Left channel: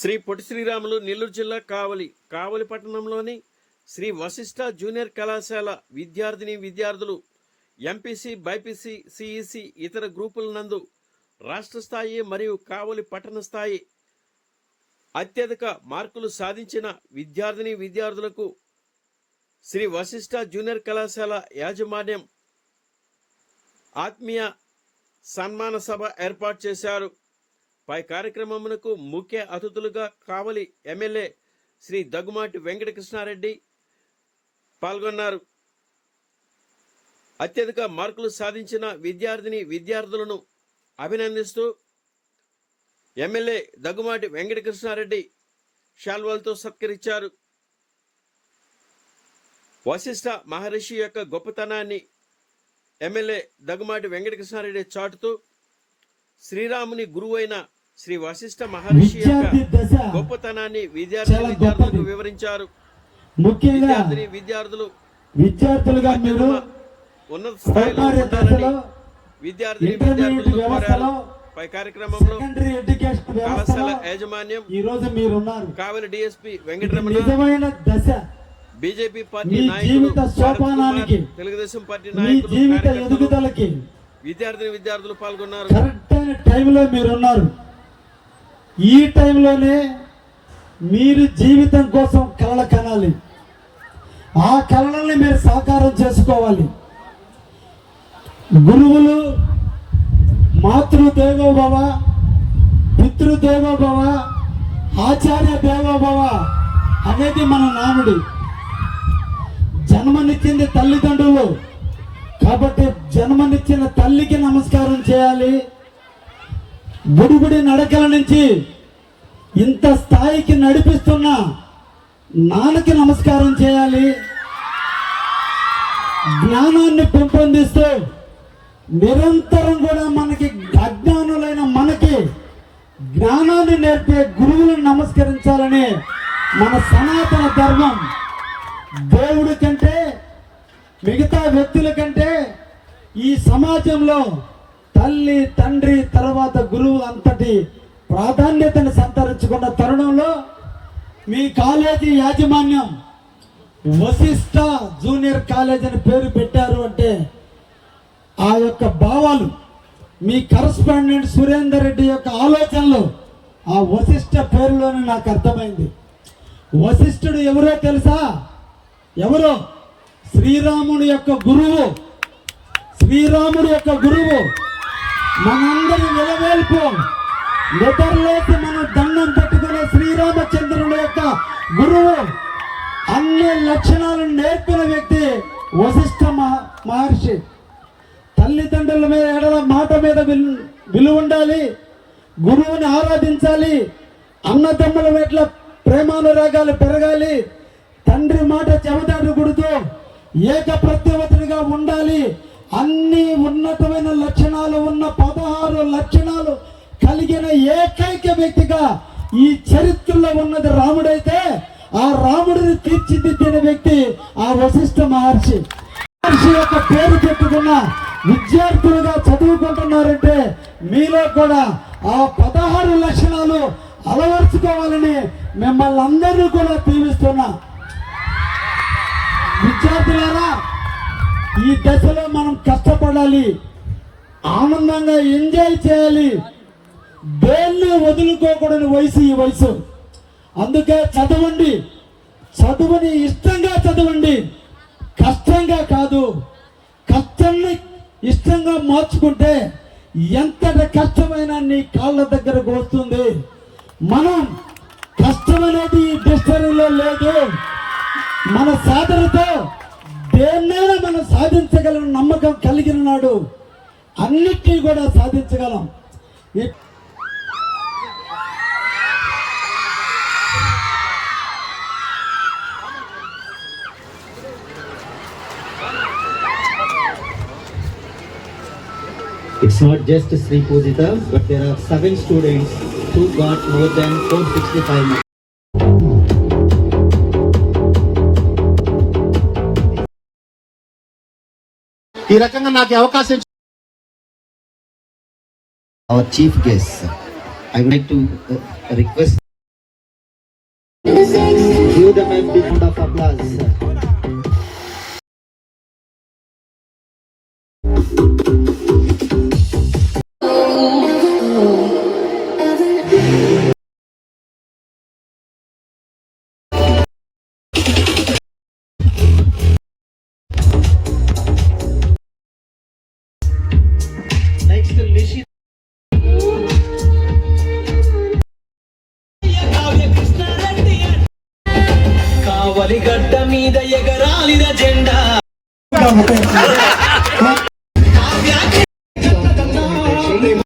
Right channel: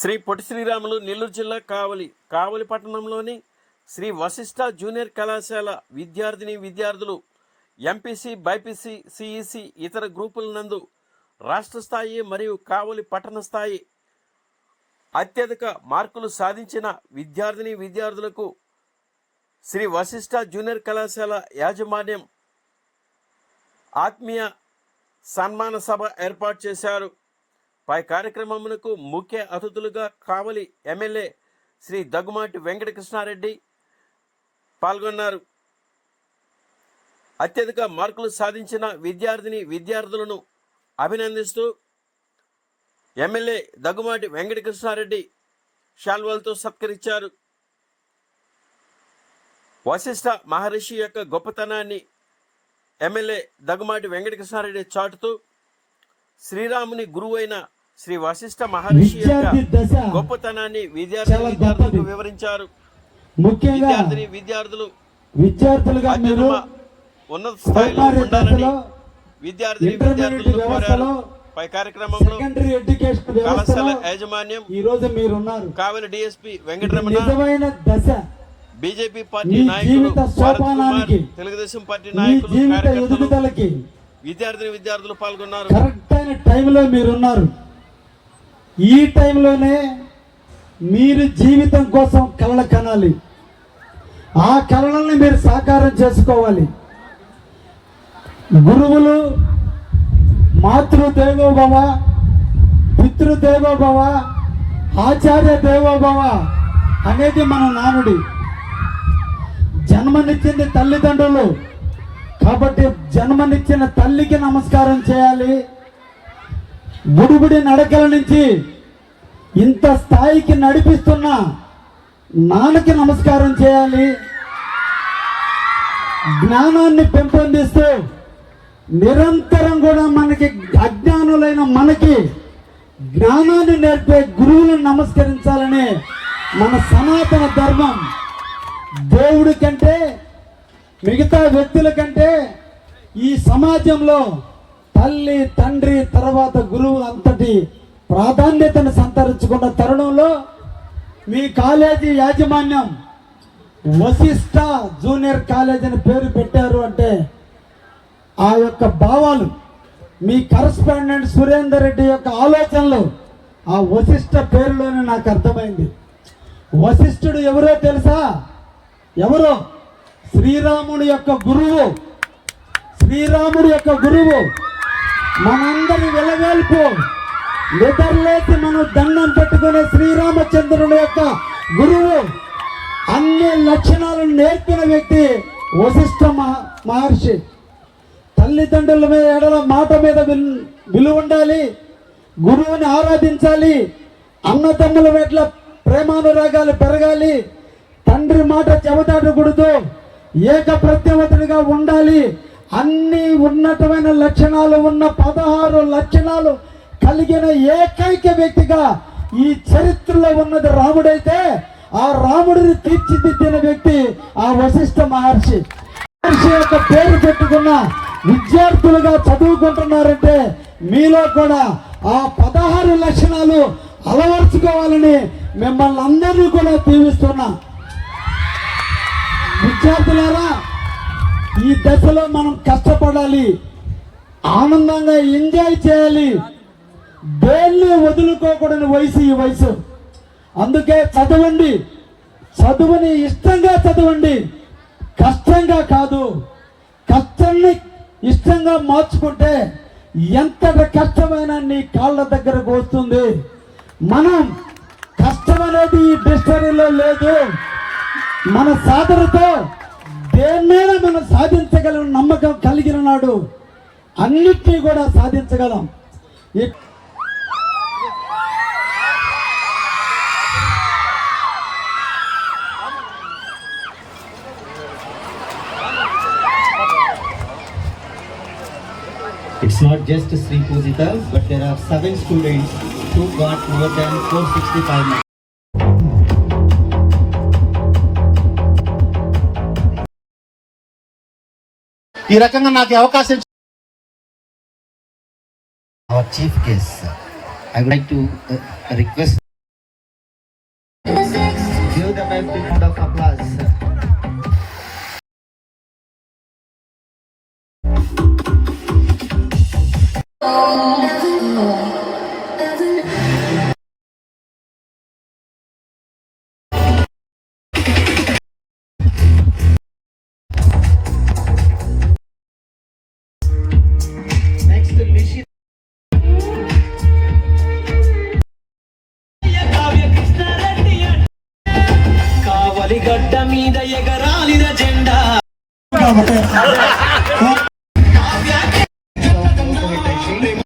శ్రీ పొట్టి శ్రీరాములు నెల్లూరు జిల్లా కావలి కావలి పట్టణంలోని శ్రీ వశిష్ఠ జూనియర్ కళాశాల విద్యార్థిని విద్యార్థులు ఎంపీసీ బైపీసీ సిఈసి ఇతర గ్రూపుల నందు రాష్ట్ర స్థాయి మరియు కావలి పట్టణ స్థాయి అత్యధిక మార్కులు సాధించిన విద్యార్థిని విద్యార్థులకు శ్రీ వశిష్ఠ జూనియర్ కళాశాల యాజమాన్యం ఆత్మీయ సన్మాన సభ ఏర్పాటు చేశారు. పై కార్యక్రమమునకు ముఖ్య అతిథులుగా కావలి ఎమ్మెల్యే శ్రీ దగ్గుమాటి వెంకటకృష్ణారెడ్డి పాల్గొన్నారు. అత్యధిక మార్కులు సాధించిన విద్యార్థిని విద్యార్థులను అభినందిస్తూ ఎమ్మెల్యే దగ్గుమాటి వెంకటకృష్ణారెడ్డి షాల్వాలతో సత్కరించారు. వశిష్ఠ మహర్షి యొక్క గొప్పతనాన్ని ఎమ్మెల్యే దగ్గుమాటి వెంకటకృష్ణారెడ్డి చాటుతూ శ్రీరాముని గురువైన శ్రీ వశిష్ఠ మహర్షి యొక్క గొప్పతనాన్ని విద్యార్థి విద్యార్థులకు. వివరించారు. విద్యార్థిని విద్యార్థులు విద్యార్థులుగా ఉన్నత స్థాయిలో ఉండాలని విద్యార్థిని విద్యార్థులను కోరారు. పై కార్యక్రమంలో కళాశాల యాజమాన్యం ఈ రోజు మీరున్నారు. Kavali DSP Venkataramana BJP party నాయకులు భరత్ కుమార్ తెలుగుదేశం పార్టీ నాయకులు కార్యకర్తలు విద్యార్థిని విద్యార్థులు పాల్గొన్నారు. కరెక్ట్ అయిన టైంలో మీరున్నారు. ఈ టైంలోనే మీరు జీవితం కోసం కలలు కనాలి. ఆ కళలని మీరు సాకారం చేసుకోవాలి. గురువులు మాతృదేవోభవ పితృదేవోభవ ఆచార్య దేవోభవ అనేది మన నానుడి. జన్మనిచ్చింది తల్లిదండ్రులు కాబట్టి జన్మనిచ్చిన తల్లికి నమస్కారం చేయాలి. బుడిబుడి నడకల నుంచి ఇంత స్థాయికి నడిపిస్తున్న నాన్నకి నమస్కారం చేయాలి. జ్ఞానాన్ని పెంపొందిస్తూ నిరంతరం కూడా మనకి అజ్ఞానులైన మనకి జ్ఞానాన్ని నేర్పే గురువులను నమస్కరించాలని మన సనాతన ధర్మం. దేవుడి కంటే మిగతా వ్యక్తుల కంటే ఈ సమాజంలో తల్లి తండ్రి తర్వాత గురువు అంతటి ప్రాధాన్యతను సంతరించుకున్న తరుణంలో మీ కాలేజీ యాజమాన్యం వశిష్ట జూనియర్ కాలేజ్ అని పేరు పెట్టారు అంటే ఆ యొక్క భావాలు మీ కరస్పాండెంట్ సురేందర్ రెడ్డి యొక్క ఆలోచనలు ఆ వశిష్ట పేరులోనే నాకు అర్థమైంది. వశిష్ఠుడు ఎవరో తెలుసా? ఎవరో? శ్రీరాముడి యొక్క గురువు. శ్రీరాముడు యొక్క గురువు. మనందరి వెలవేల్పు. నిద్రలేసి మనం దండం పెట్టుకునే శ్రీరామచంద్రుని యొక్క గురువు అన్ని లక్షణాలు నేర్పిన వ్యక్తి వశిష్ఠ మహర్షి. తల్లిదండ్రుల మీద ఎడల మాట మీద విల్- విలువ ఉండాలి గురువుని ఆరాధించాలి అన్నదమ్ముల పట్ల ప్రేమానురాగాలు పెరగాలి తండ్రి మాట చెబదాటకూడదు ఏక ప్రత్యవతుడిగా ఉండాలి అన్ని ఉన్నతమైన లక్షణాలు ఉన్న పదహారు లక్షణాలు కలిగిన ఏకైక వ్యక్తిగా ఈ చరిత్రలో ఉన్నది రాముడైతే ఆ రాముడిని తీర్చిదిద్దిన వ్యక్తి ఆ వశిష్ఠ మహర్షి. మహర్షి యొక్క పేరు చెప్పుకున్న విద్యార్థులుగా చదువుకుంటున్నారంటే మీలో కూడా ఆ పదహారు లక్షణాలు అలవర్చుకోవాలని మిమ్మల్ని అందరినీ కూడా దీవిస్తున్నా. విద్యార్థులారా ఈ దశలో వదులుకోకూడని వయసు ఈ వయసు. అందుకే చదవండి. చదువుని ఇష్టంగా చదవండి. కష్టంగా కాదు. కష్టాన్ని ఇష్టంగా మార్చుకుంటే ఎంత కష్టమైనా నీ కాళ్ళ దగ్గరకు వస్తుంది మనం కష్టం అనేది ఈ డిక్షనరీలో లేదు. మన సాధనతో దేన్నైనా మనం సాధించగలం నమ్మకం కలిగిన నాడు అన్నిటినీ కూడా సాధించగలం. It's not just Sri Pujita, but there are seven students who got more than 465 marks. ఈ రకంగా నాకు ఈ అవకాశం ఇచ్చిన Our chief guest, I would like to uh, request Give them a big round of applause. బలిగడ్డ మీద ఎగరాలిన జెండా.